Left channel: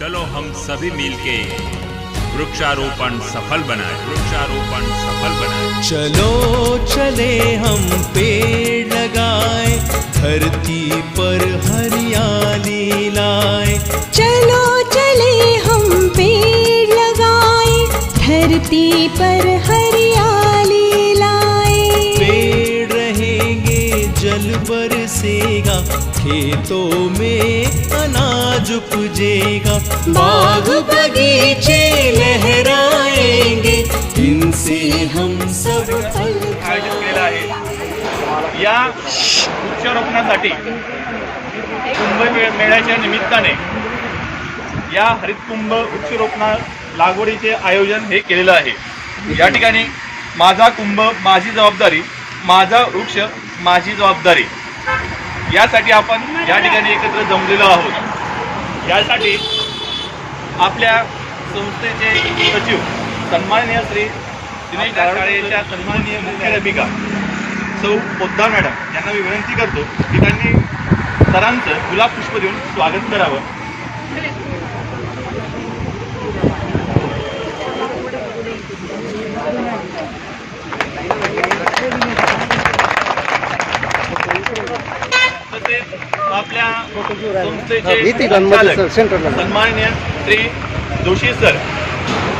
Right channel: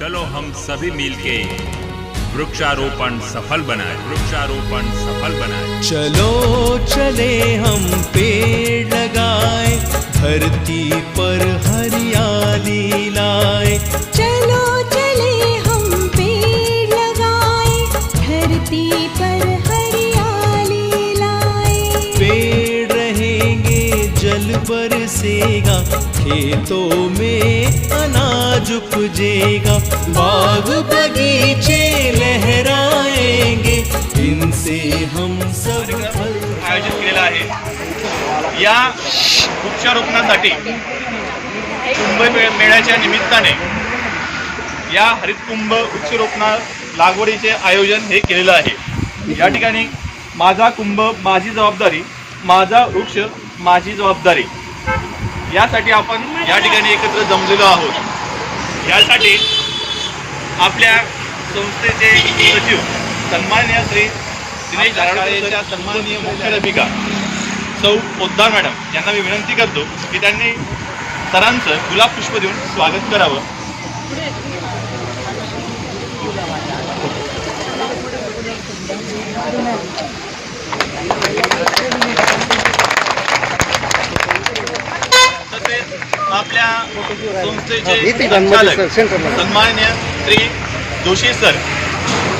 चलो हम सभी मिलके वृक्षारोपण सफल बनाए। वृक्षारोपण सफल बनाए। चलो चले हम पेड़ लगाए धरती पर हरियाली लाए। चलो चले हम पेड़ लगाए धरती पर हरियाली जल बरसेगा खेतों में अनाज उपजेगा। बाग बगीचे लहराएंगे इनसे हम सब आयोजित केलेला आहे. या वृक्षारोपणासाठी कुंभ मेळ्याच्या निमित्ताने या हरित कुंभ लागवडीचे आयोजन हे केलेलं आहे. या ठिकाणी माझा कुंभ माझी जबाबदारी माझा वृक्ष माझी जबाबदारी. यासाठी आपण या ठिकाणी एकत्र जमलेलो आहोत. यासाठी आपल्या संस्थेचे सचिव सन्माननीय श्री दिनेश जारवाडकर सन्माननीय मुख्याध्यापिका सौ पोद्दार मॅडम यांना मी विनंती करतो की त्यांनी सरांचं गुलाब पुष्प देऊन स्वागत करावं. आपल्या संस्थेचे संचालक सन्माननीय श्री जोशी सर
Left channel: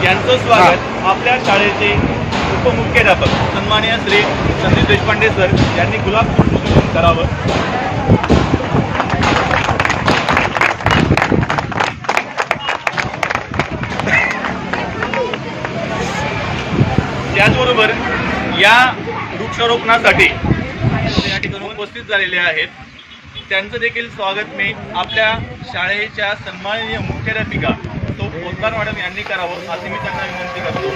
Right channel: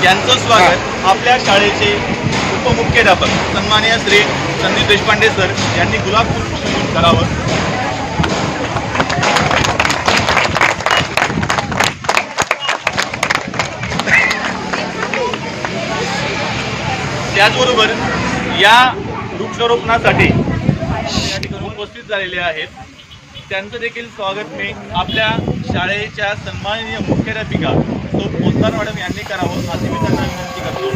यांचं स्वागत आपल्या शाळेचे उपमुख्याध्यापक सन्माननीय श्री संदीप देशपांडे सर यांनी गुलाब फूल करावं. त्याचबरोबर या वृक्षारोपणासाठी या ठिकाणी उपस्थित झालेले आहेत त्यांचं देखील स्वागत मी आपल्या शाळेच्या सन्माननीय मुख्याध्यापिका तो पोतदार मॅडम यांनी करावं. असं मी त्यांना विनंती करतो.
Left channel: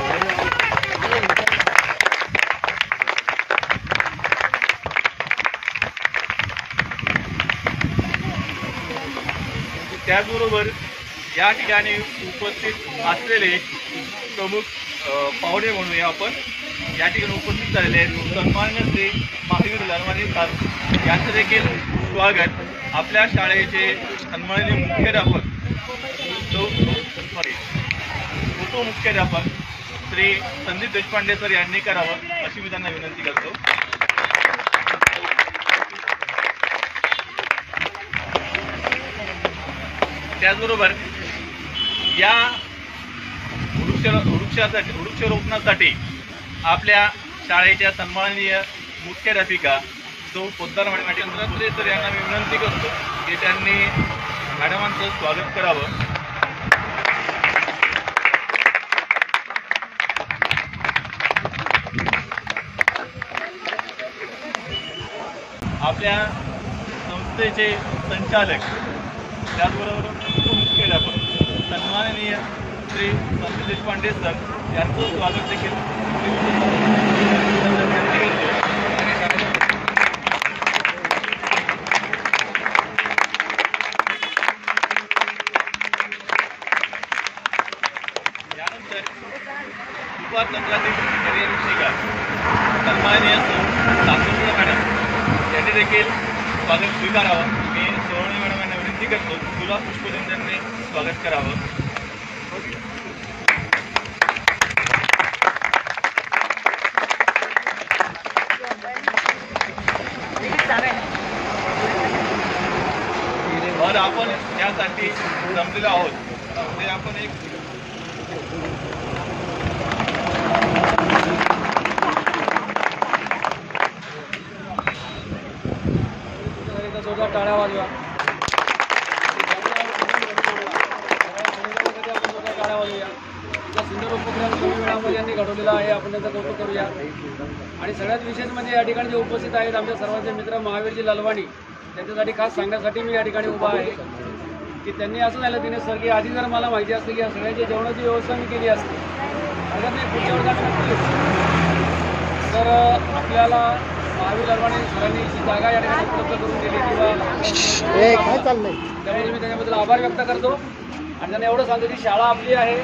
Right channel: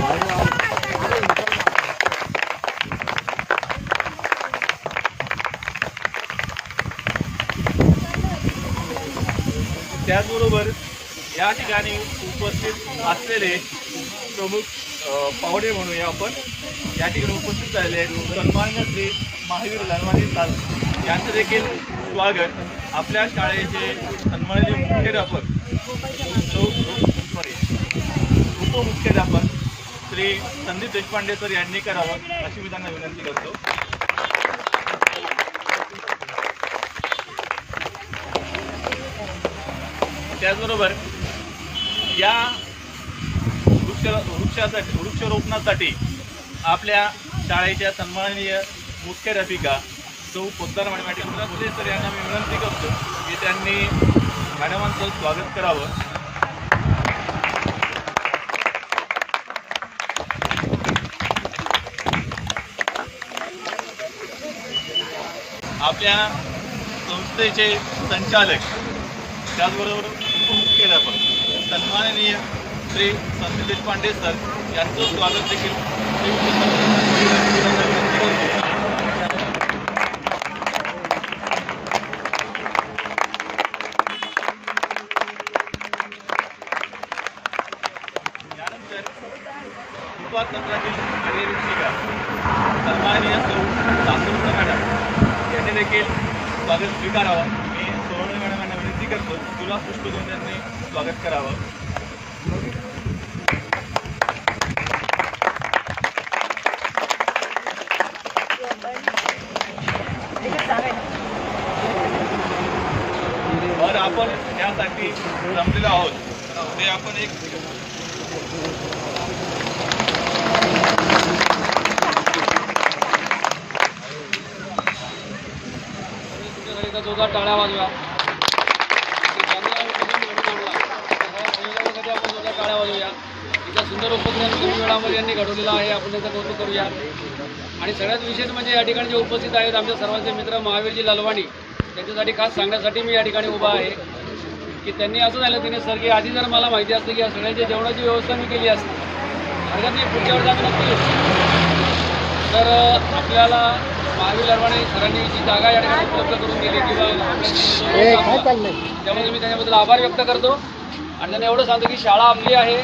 त्याचबरोबर या ठिकाणी उपस्थित असलेले प्रमुख पाहुणे म्हणूया आपण. या ठिकाणी उपस्थित झालेले आहेत सन्मान्य श्री महावीर लनवानी सर यांचं देखील स्वागत आपल्या शाळेचे सन्माननीय मुख्याध्यापक सॉरी उपमुख्याध्यापक श्री संदीप देशपांडे सर यांनी करावं अशी मी त्यांना विनंती करतो. त्याचबरोबर या वृक्ष वृक्षासाठी वृक्षारोपणासाठी आपल्या शाळेच्या सन्माननीय मुख्याध्यापिका तो पोद्दार मॅडम माझ्या ठिकाणी उपस्थित तर यांना मी विनंती करतो की त्यांनी मॅडमांचं स्वागत करावं. आपल्या संस्थेचे संचालक त्याचबरोबर उपमुख्याध्यापक सन्माननीय श्री संत देशपांडे सर यांचं स्वागत देखील. यानंतर दुपार सत्रातील करिअर शिक्षिका सन्माननीय सौ सासुंद्र मॅडम त्यांनी देखील स्वागत स्वीकारावं मी सोहणी मॅडम यांना विनंती करतो गुलाब पुष्प देऊन त्यांनी स्वागत करावं और आपण यासाठी जमलेलो आहोत उद्या आपण एक जोरदार टाळ्या वाजवा आपण जोरदार टाळ्या वाजवूया इतका सुंदर उपक्रम कमी वेळामध्ये यांनी घडवलेला आहे आपण त्यांचं कौतुक करूया आणि सगळ्यात विशेष म्हणजे या ठिकाणी जे उपस्थित आहेत आमच्या सर्वांचे मित्र महावीरजी लालवाणी त्यांच्यासाठी खास सांगण्यासाठी मी या ठिकाणी उभा आहे की त्यांनी असं झालं तिने सर की आधी जर मला माहिती असतं की या सगळ्यांच्या जेवणाची व्यवस्था मी केली असते हरकत नाही पुढच्या वेळेस आम्ही नक्की येऊ तर आपल्याला महावीर लरवाणे सरांनी जी जागा या ठिकाणी उपलब्ध करून दिली किंवा त्याबद्दल मी त्याच्याबद्दल आभार व्यक्त करतो. आणि त्यांना एवढं सांगतो की शाळा आपली आहे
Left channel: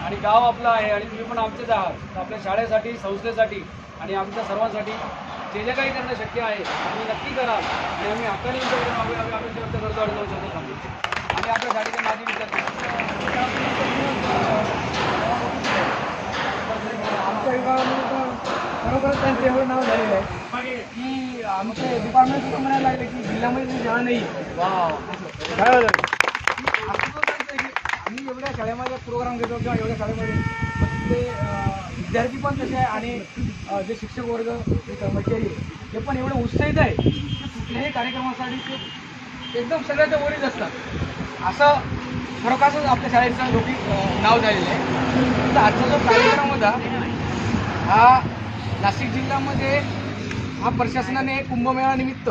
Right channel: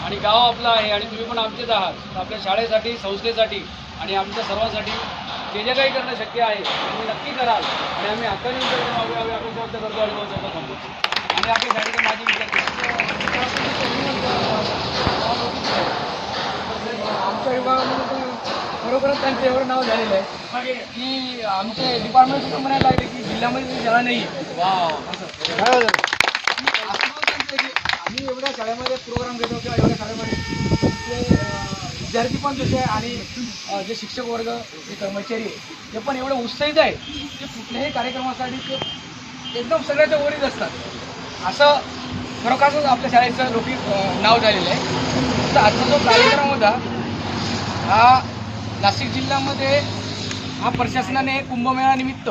आणि गाव आपलं आहे आणि तुम्ही पण आमचेच आहात. तर आपल्या शाळेसाठी संस्थेसाठी आणि आमच्या सर्वांसाठी जे जे काही करणं शक्य आहे आम्ही नक्की कराल. आणि आम्ही हक्काने व्यक्त करतो आणि तो सोबत थांबू. हे आपल्या शाळेचे माजी विद्यार्थी आमच्या विभागामध्ये तर खरोखरच त्यांचं एवढं नाव झालेलं आहे. की आमचे डिपार्टमेंट सुद्धा म्हणायला लागले की जिल्ह्यामध्ये ती शाळा नाही आम्ही एवढ्या शाळेमध्ये प्रोग्राम घेतो किंवा एवढ्या शाळेमध्ये. विद्यार्थी पण जसे आहे आणि जे शिक्षक वर्ग जे कर्मचारी आहे ते पण एवढे उत्साहित आहे की कुठल्याही कार्यक्रमासाठी ते एकदम सगळ्याच्या वरीच असतात. असं खरोखरच आपल्या शाळेचं लौकिक नाव झालेलं आहे. तर आजचा जो कार्यक्रम होता हा नाशिक जिल्ह्यामध्ये हा प्रशासनाने कुंभमेळानिमित्त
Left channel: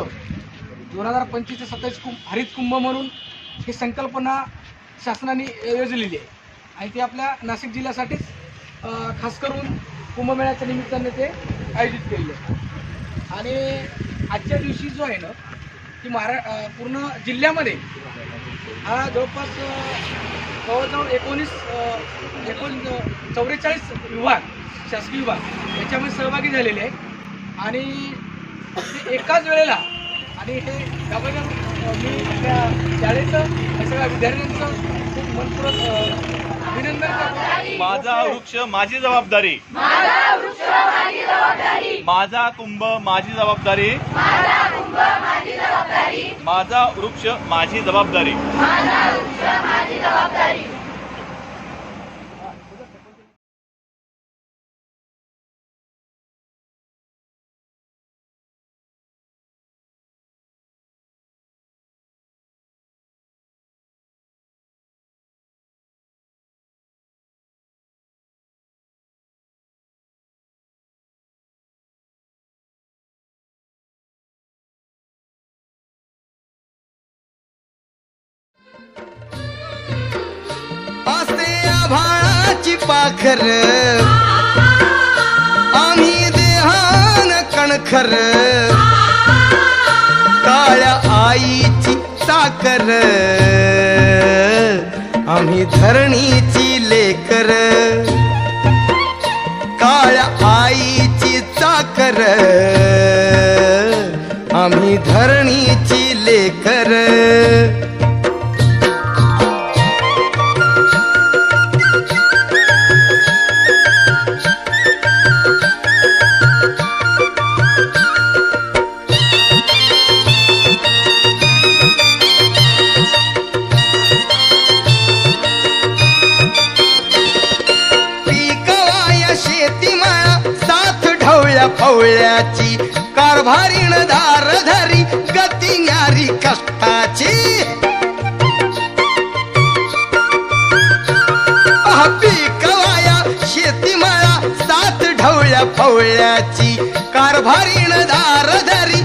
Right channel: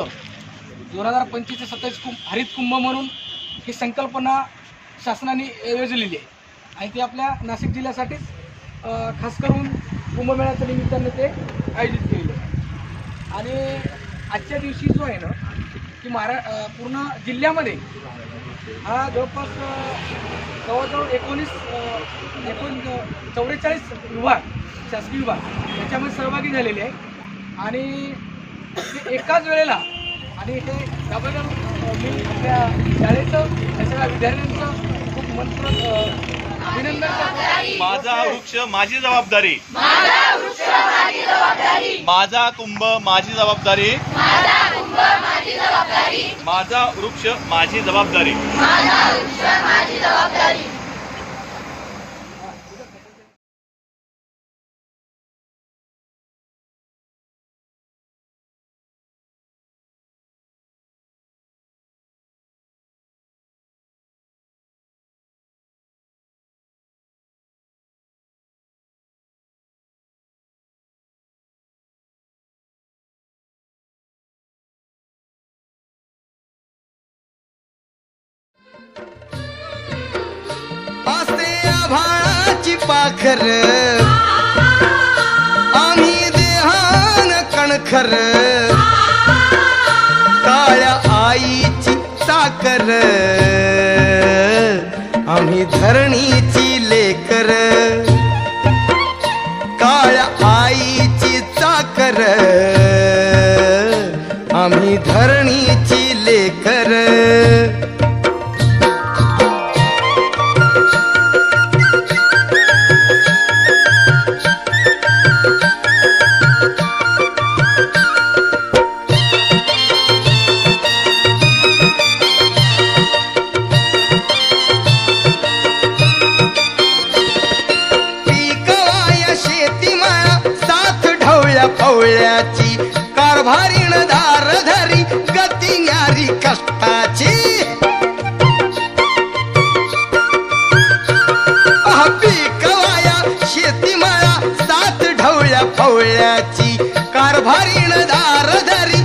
दोन हजार पंचवीस ते सत्तावीस कुंभ हरित कुंभ म्हणून ही संकल्पना शासनाने योजलेली आहे. आणि ती आपल्या नाशिक जिल्ह्यासाठीच खास करून कुंभमेळ्याच्या निमित्ताने ते आयोजित केलेले आहे. आणि आजच्या दिवशी जो आहे ना की महारा पूर्ण जिल्ह्यामध्ये हा जवळपास जवळजवळ एकोणीस एकोण चौवेचाळीस विभाग शासकीय विभाग याच्यामध्ये सहभागी झालेले आहे आणि ते एकाच वेळेला आणि हे अ, मी आपल्या शाळेचं या सगळ्या विद्यार्थ्यांचं खूप मनपूर्वक अभिनंदन करतो. माझा वृक्ष माझी जबाबदारी. माझा कुंभ माझी जबाबदारी. माझा वृक्ष माझी जबाबदारी. असते आभाळाची आम्ही देहान कणखर काळ्या आईची साकर आम्ही धरणीची लेकर काळ्या आईची चाकर आम्ही धरणीची लेकर ढवळ्या कारभारीण कारभारीण धारधरी गती न्यारी कष्टाची. पिकवाया शेती माया सात ढवळ्या पवळ्याची कारभारीण धार धरी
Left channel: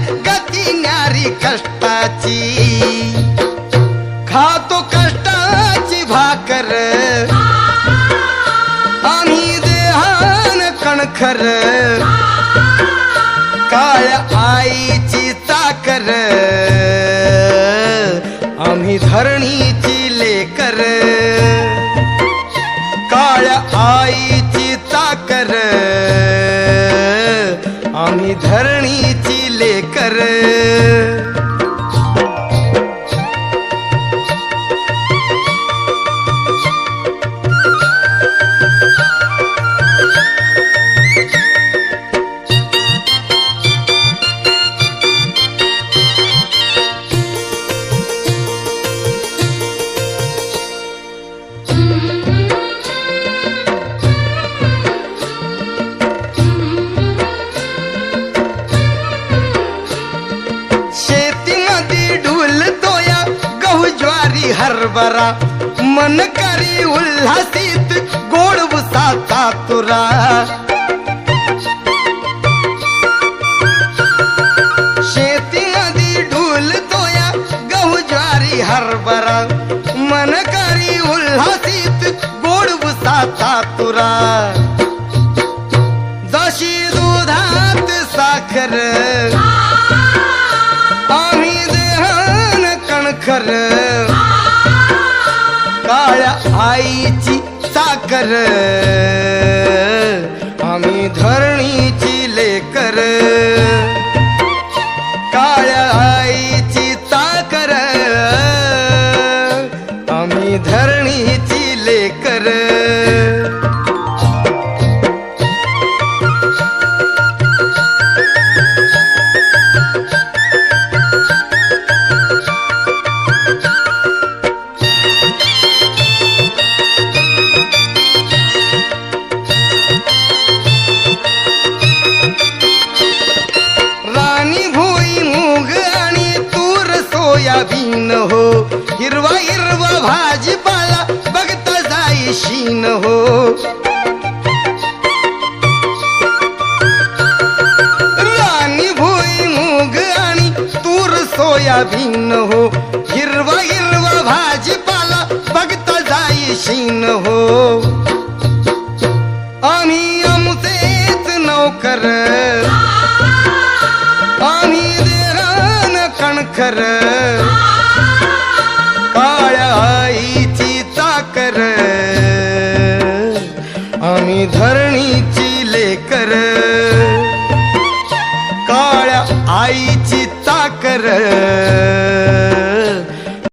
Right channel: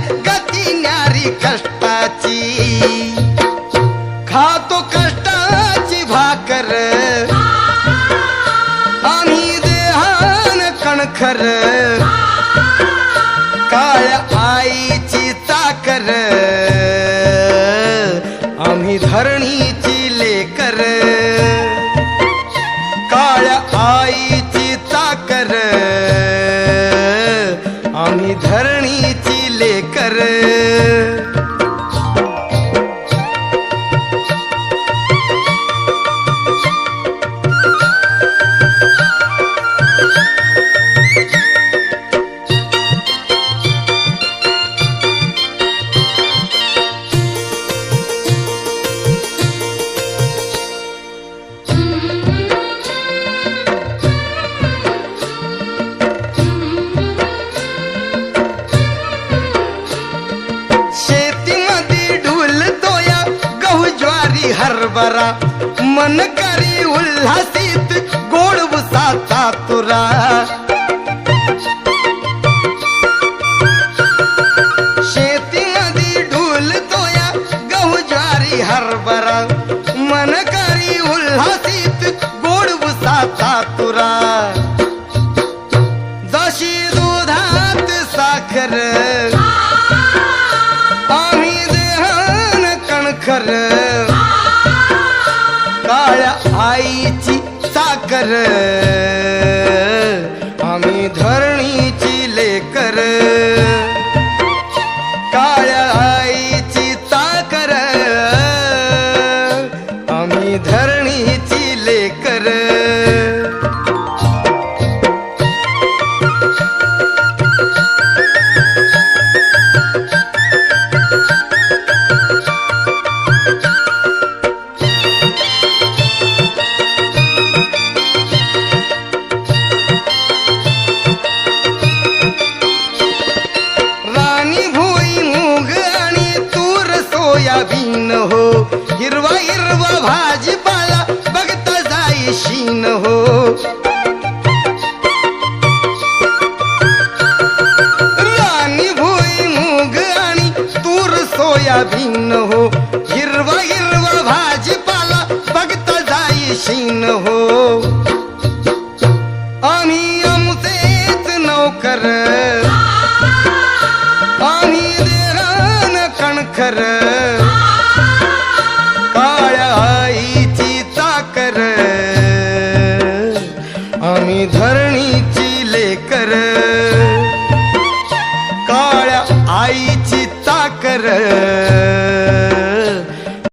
आम्ही हरभरा. मन करी उल्हासित गोड उसाचा तुरा. शेतीमध्ये ढोल तोया गहू ज्वारी हरभरा. मन करी उल्हासित गोड उसाचा तुरा. जशी दुधात साखर आम्ही देहान कणखर. काळ्या आईची साकर आम्ही धर जाई हो। राणी भोई मूग आणि तूर सोयाबीन हो। हिरवा हिरवा भाजीपाला बघता जाईशीन हो। आणि आमचेच नौकर। आणि देरान कणखर। आम्ही धरणीची लेकर काळ्या आईची ताकर